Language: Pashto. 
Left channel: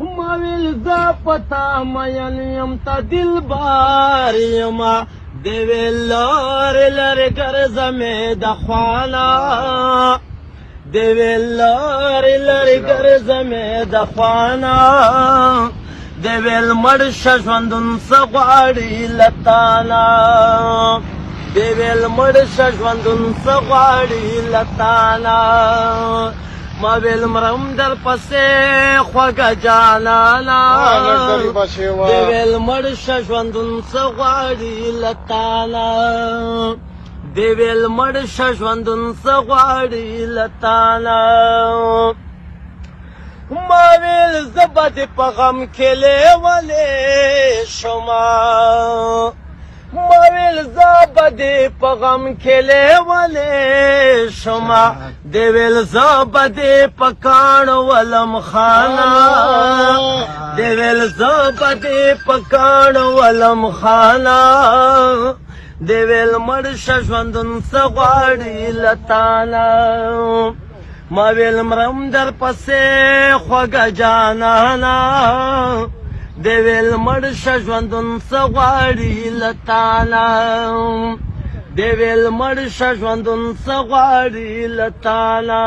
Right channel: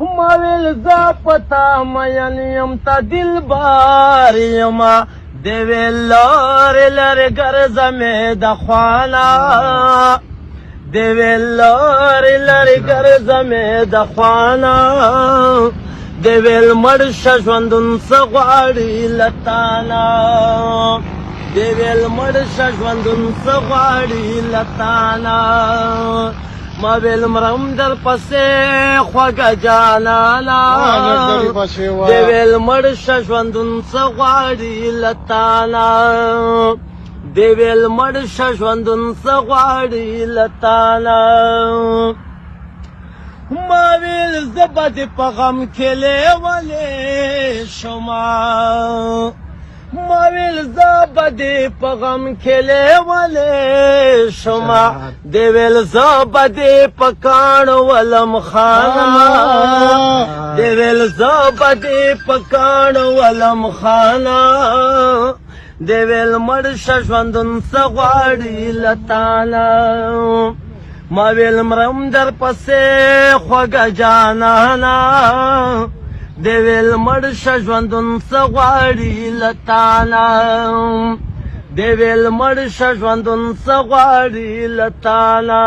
ماویل زا پتا مین یم تا دل بار یما دیویل لار لر گرزنے دخوانا دیویل لار لر گرزنے دخوانا دیویل مرش ژوندون سغواړي لتانا دیویل مرش ژوندون سغواړي لتانا ما ویل مرم در پسې خوږه جانانا دی ویل مړ شه ژوندون څه غواړي لتانا دی ویل مړ شه ژوندون څه غواړي لتانا ما ویل زه به دې په غم کې لیونی شمه ما ویل زه به دې په غم کې لیونی شمه دی ویل زه به دې په کاڼو ولم خانه دی ویل زه به دې په کاڼو ولم خانه دی ویل مړ شه ژوندون څه غواړي لتانا ما ویل مرم در پسې خوږه جانانا دی ویل مړ شه ژوندون څه غواړي لتانا دی ویل مړ شه ژوندون څه غواړي لتانا